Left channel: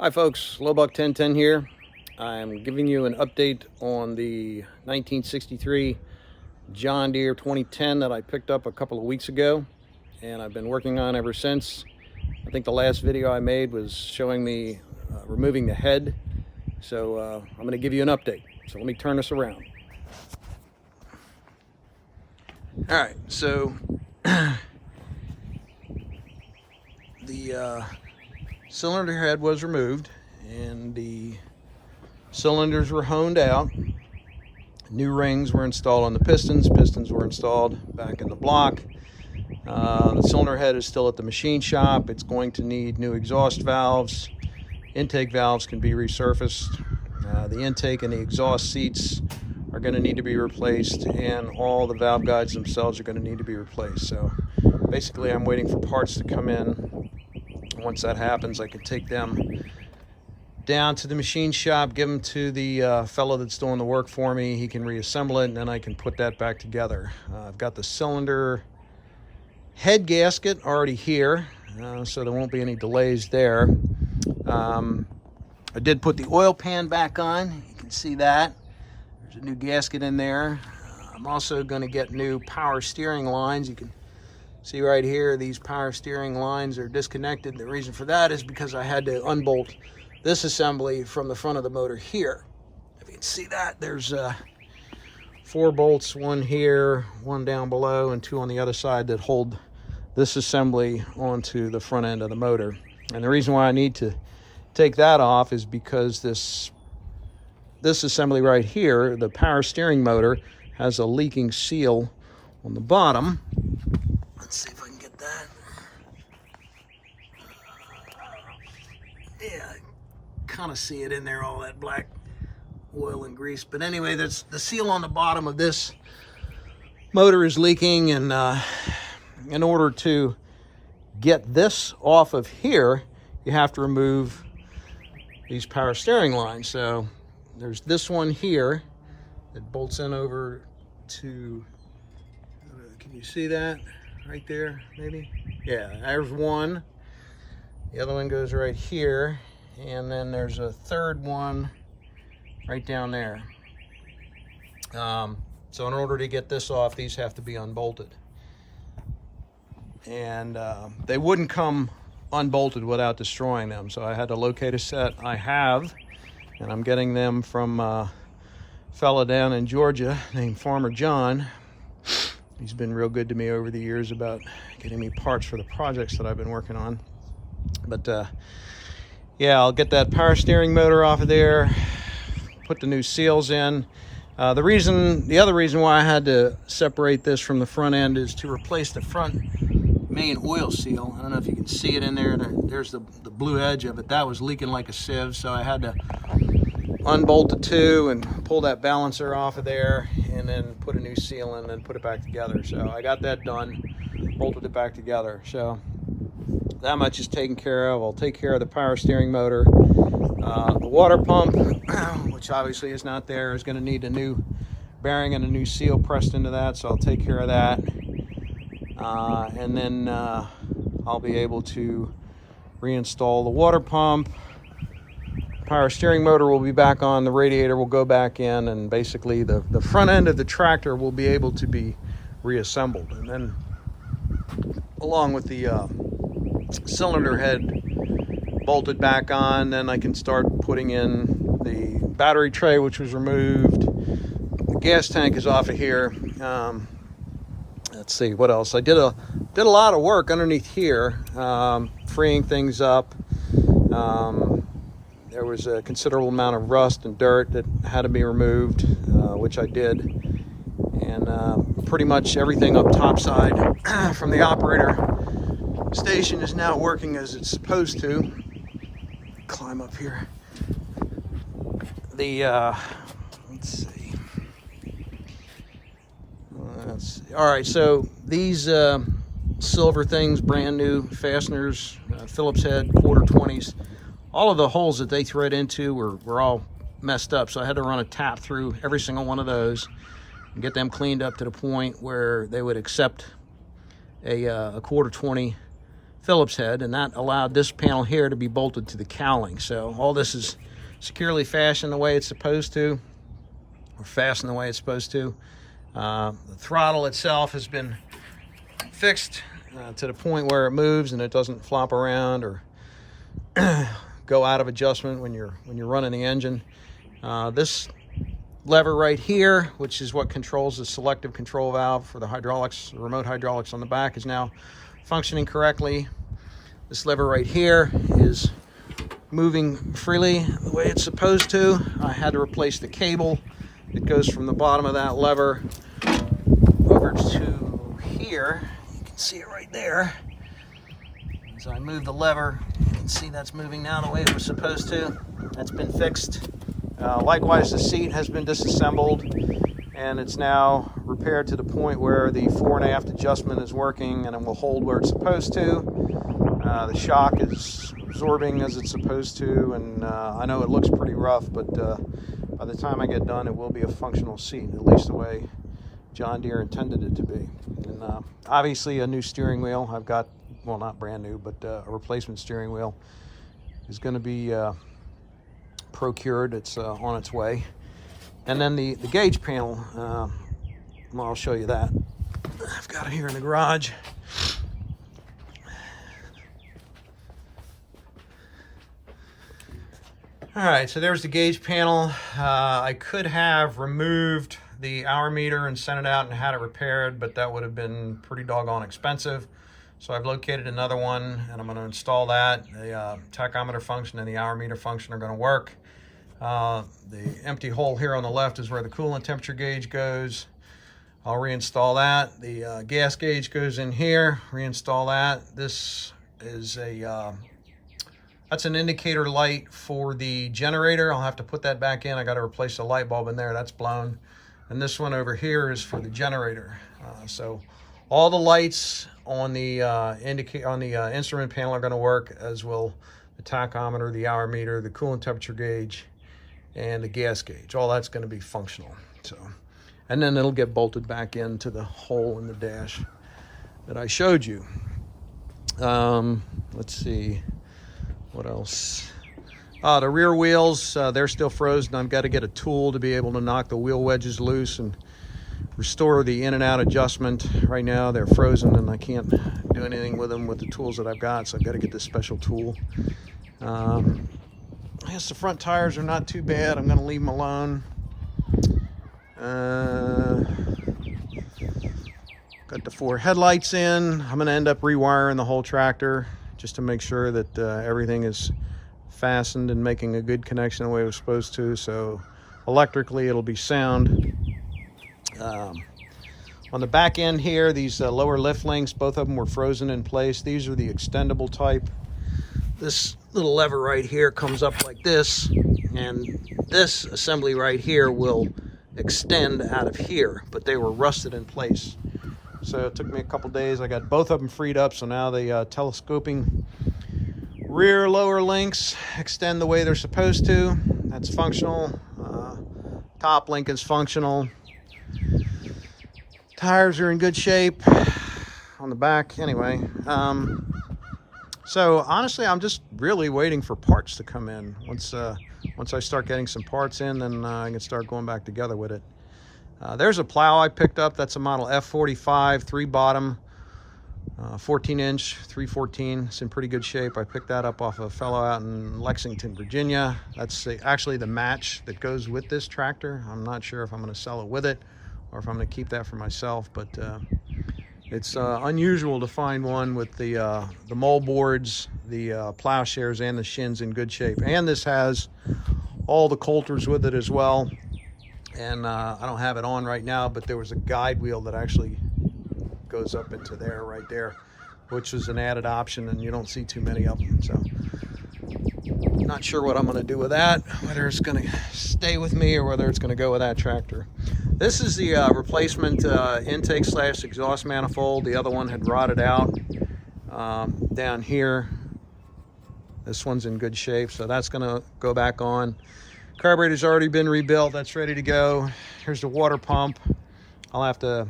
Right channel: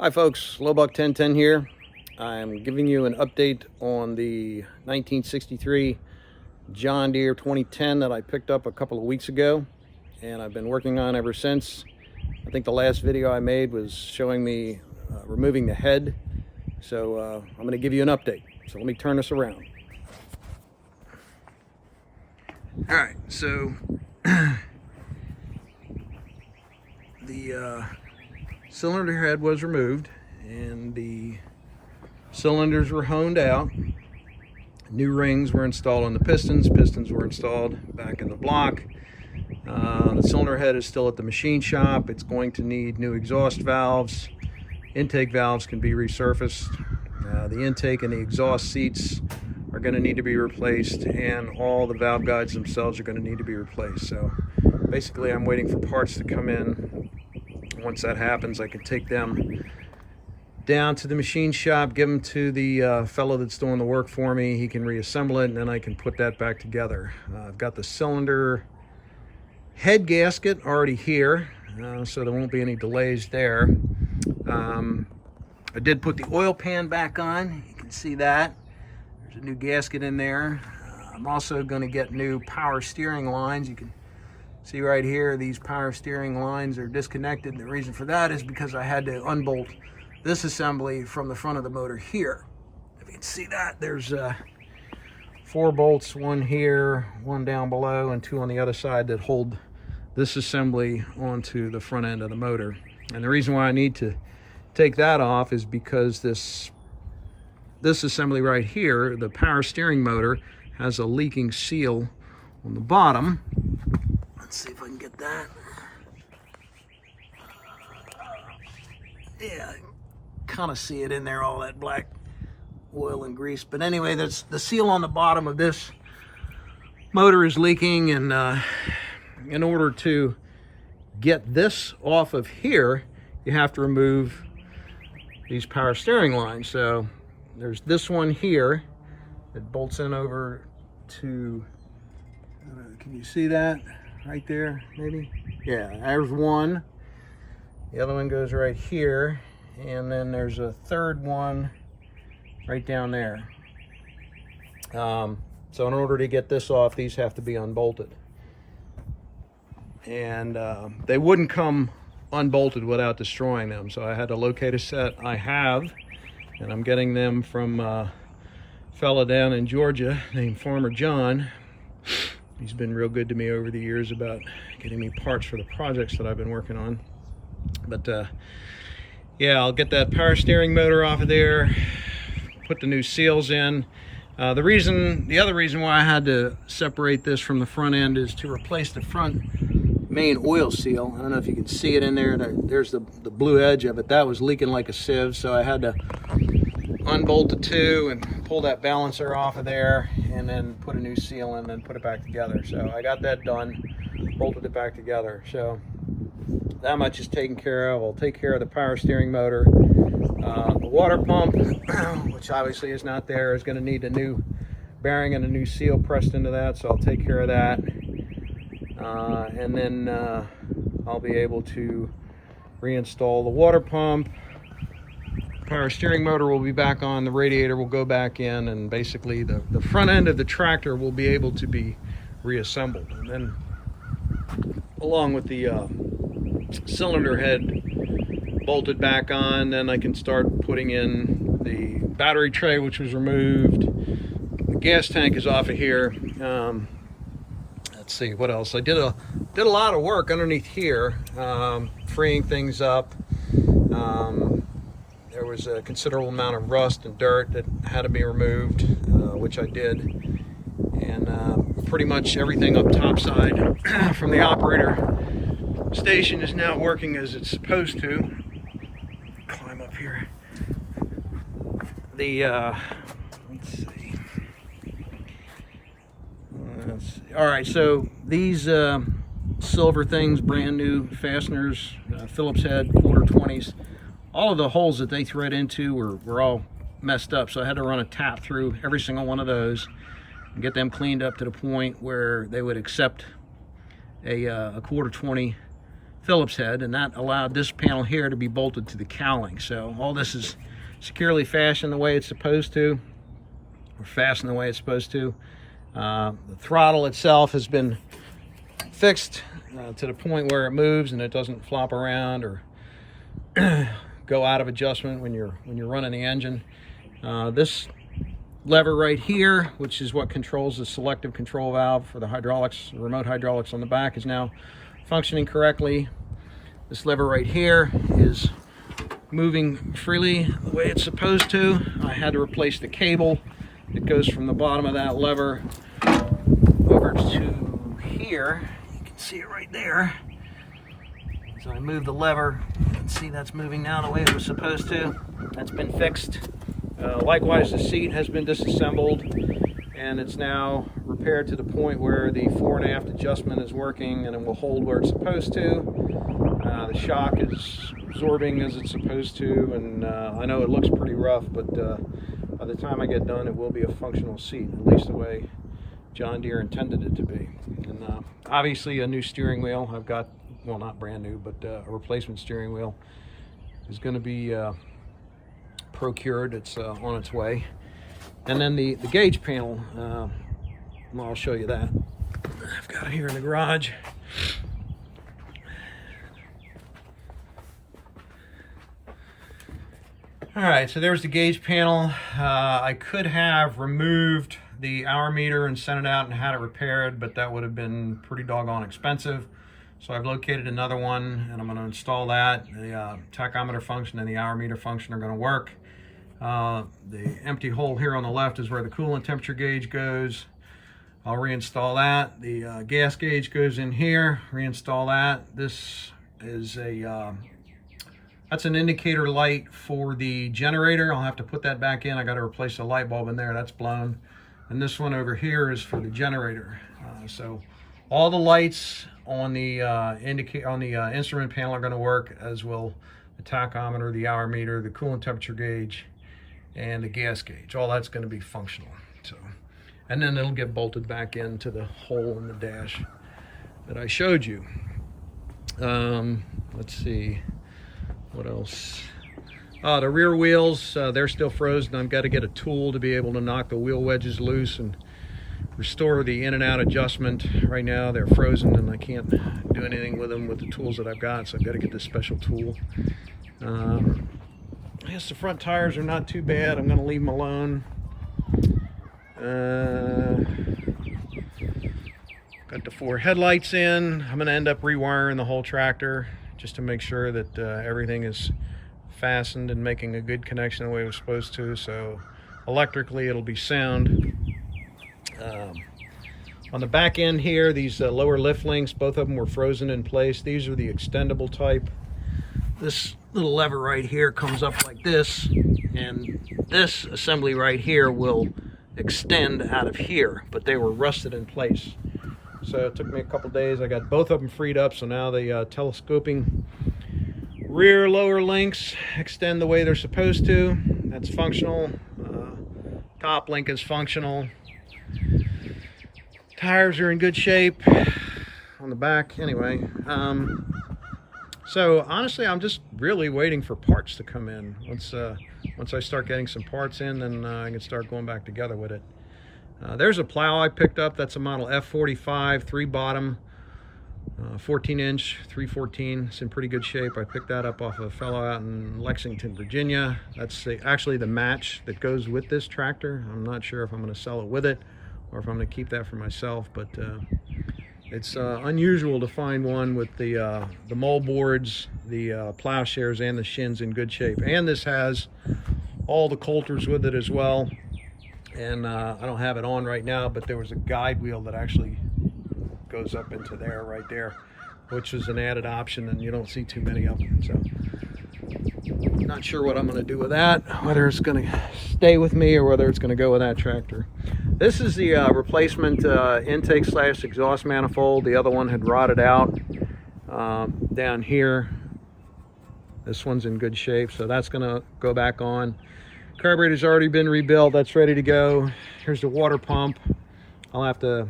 Hi folks, Lowbuck 1010 here. I'm giving you an update on the 1963 John Deere 2010 that I picked up a couple of weeks ago, and I've been working on ever since. I think the last video I made was showing me removing the head, so I'm going to give you an update. So let me turn this around. Alright, so the cylinder head was removed and the cylinders were honed out. New rings were installed on the pistons. Pistons were installed back in the block. The cylinder head is still at the machine shop. It's going to need new exhaust valves. Intake valves can be resurfaced. The intake and the exhaust seats are going to need to be replaced, and all the valve guides themselves are going to need to be replaced. So basically I'm waiting for parts to come in. Once that happens, I can take them down to the machine shop, give them to the fellow that's doing the work for me. He can reassemble it, and then I can put that back together. I've got the cylinder head gasket already here, so there won't be any delays there. I did put the oil pan back on. You can see that. There's a new gasket in there. I'm also going to get new power steering lines. You can see right here, these power steering lines are disconnected. The reason for that is because I had to unbolt this assembly from the front of the motor here. If you can see that, there's 4 bolts, one here, one down below, and 2 on the other side that hold this assembly onto the front end of the motor. And the reason why I need to take that off is because this assembly right here, the power steering motor, has a leaking seal on the bottom. Let's see if I can get that. Yeah, kind of see it in there, all that black oil and grease. But anyway, that's the seal on the bottom of this motor is leaking, and in order to get this off of here, you have to remove these power steering lines. So there's this one here that bolts in over to, can you see that? Right there, maybe? Yeah, there's one. The other one goes right here, and then there's a third one right down there. So in order to get this off, these have to be unbolted. And they wouldn't come unbolted without destroying them, so I had to locate a set I have, and I'm getting them from a fella down in Georgia named Farmer John. He's been real good to me over the years about getting me parts for the projects that I've been working on. But yeah, I'll get that power steering motor off of there, put the new seals in. The other reason why I had to separate this from the front end is to replace the front main oil seal. I don't know if you can see it in there. There's the blue edge of it. That was leaking like a sieve, so I had to unbolt the 2 and pull that balancer off of there, and then put a new seal in and then put it back together. So I got that done, bolted it back together. So that much is taken care of. I'll take care of the power steering motor. The water pump, which obviously is not there, is going to need a new bearing and a new seal pressed into that, so I'll take care of that. And then I'll be able to reinstall the water pump. Power steering motor will be back on, the radiator will go back in, and basically the front end of the tractor will be able to be reassembled. And then along with the cylinder head bolted back on, then I can start putting in the battery tray, which was removed. The gas tank is off of here. Let's see what else. I did a lot of work underneath here, freeing things up. There was a considerable amount of rust and dirt that had to be removed, which I did. And pretty much everything up topside from the operator station is now working as it's supposed to. Climb up here. Let's see. All right, so these silver things, brand new fasteners, Phillips head, quarter 20s. All of the holes that they thread into were all messed up, so I had to run a tap through every single one of those and get them cleaned up to the point where they would accept a quarter 20 Phillips head, and that allowed this panel here to be bolted to the cowling. So all this is securely fastened the way it's supposed to, or fastened the way it's supposed to. The throttle itself has been fixed to the point where it moves and it doesn't flop around or go out of adjustment when you're running the engine. This lever right here, which is what controls the selective control valve for the hydraulics, the remote hydraulics on the back, is now functioning correctly. This lever right here is moving freely the way it's supposed to. I had to replace the cable. It goes from the bottom of that lever over to here. You can see it right there. So I move the lever. You can see that's moving now the way it was supposed to. That's been fixed. Likewise, the seat has been disassembled, and it's now repaired to the point where the fore and aft adjustment is working and it will hold where it's supposed to. The shock is absorbing as it's supposed to, and I know it looks pretty rough, but by the time I get done, it will be a functional seat, at least the way John Deere intended it to be. And obviously a new steering wheel. I've got, well, not brand new, but a replacement steering wheel is going to be procured. It's on its way. And then the gauge panel, well, I'll show you that. I've got it here in the garage. All right, so there's the gauge panel. I could have removed the hour meter and sent it out and had it repaired, but that would have been pretty doggone expensive. So I've located another one, and I'm going to install that. The tachometer function and the hour meter function are going to work. The empty hole here on the left is where the coolant temperature gauge goes. I'll reinstall that. The gas gauge goes in here, reinstall that. This is that's an indicator light for the generator. I'll have to put that back in. I got to replace the light bulb in there, that's blown. And this one over here is for the generator. So all the lights on the instrument panel are going to work, as will the tachometer, the hour meter, the coolant temperature gauge, and the gas gauge. All that's going to be functional. So, and then it'll get bolted back into the hole in the dash that I showed you. Let's see, what else? The rear wheels, they're still frozen. I've got to get a tool to be able to knock the wheel wedges loose and restore the in and out adjustment. Right now they're frozen and I can't do anything with them with the tools that I've got, so I've got to get this special tool. I guess the front tires are not too bad. I'm going to leave them alone. Got the 4 headlights in. I'm going to end up rewiring the whole tractor just to make sure that everything is fastened and making a good connection the way it was supposed to. So electrically it'll be sound. On the back end here, these lower lift links, both of them were frozen in place. These are the extendable type. This little lever right here comes up like this, and this assembly right here will extend out of here, but they were rusted in place. So it took me a couple days. I got both of them freed up, so now the telescoping rear lower links extend the way they're supposed to. That's functional. Top link is functional. Tires are in good shape on the back. Anyway, so honestly, I'm just really waiting for parts to come in. Once I start getting some parts in, then I can start going back together with it. There's a plow I picked up. That's a model F45, 3 bottom, 14-inch, 314. It's in pretty good shape. I picked that up off a fellow out in Lexington, Virginia. That's actually the match that goes with this tractor. I'm not sure if I'm going to sell it with it or if I'm going to keep that for myself, but it's unusual to find one with the mold boards, the plowshares, and the shins in good shape. And this has all the coulters with it as well. And I don't have it on right now, but there was a guide wheel that actually goes up into there, right there, which is an added option, and you don't see too many of them. So I'm not sure what I'm going to do with that, whether it's going to stay with me or whether it's going to go with that tractor. This is the replacement intake / exhaust manifold. The other one had rotted out down here. This one's in good shape, so that's going to go back on. Carburetor's already been rebuilt. That's ready to go. Here's the water pump. I'll have to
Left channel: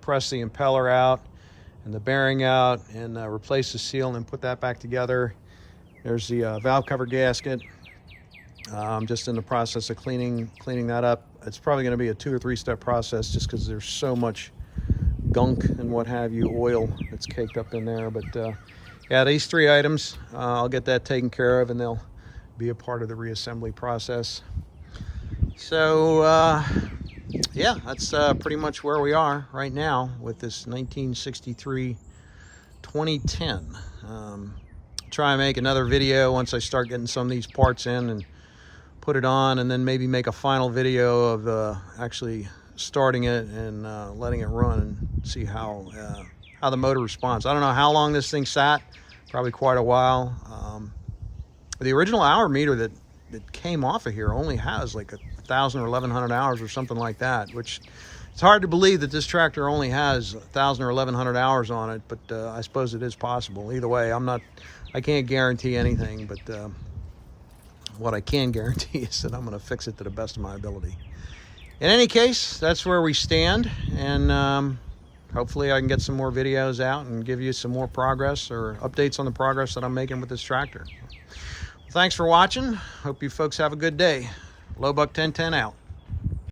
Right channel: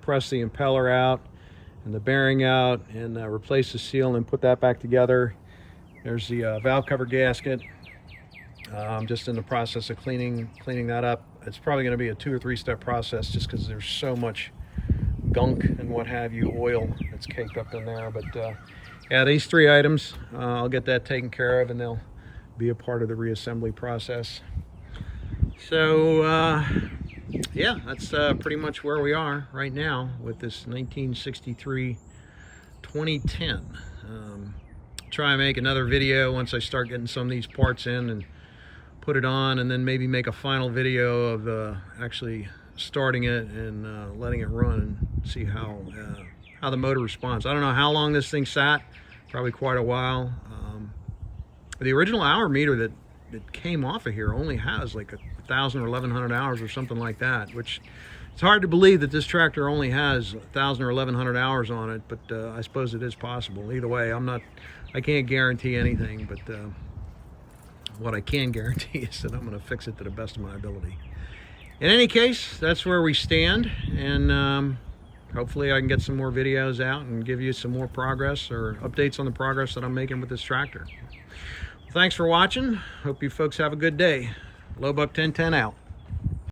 press the impeller out, and the bearing out and replace the seal and then put that back together. There's the valve cover gasket. I'm just in the process of cleaning that up. It's probably going to be a 2 or 3 step process just because there's so much gunk and what have you, oil that's caked up in there. But yeah, these 3 items, I'll get that taken care of and they'll be a part of the reassembly process. So yeah, that's pretty much where we are right now with this 1963 2010. Try and make another video once I start getting some of these parts in and put it on, and then maybe make a final video of actually starting it and letting it run and see how the motor responds. I don't know how long this thing sat, probably quite a while. The original hour meter that came off of here only has like 1,000 or 1,100 hours or something like that, which it's hard to believe that this tractor only has 1,000 or 1,100 hours on it, but I suppose it is possible. Either way, I can't guarantee anything, but what I can guarantee is that I'm going to fix it to the best of my ability. In any case, that's where we stand, and hopefully I can get some more videos out and give you some more progress or updates on the progress that I'm making with this tractor. Thanks for watching. Hope you folks have a good day. Lowbuck 1010 out.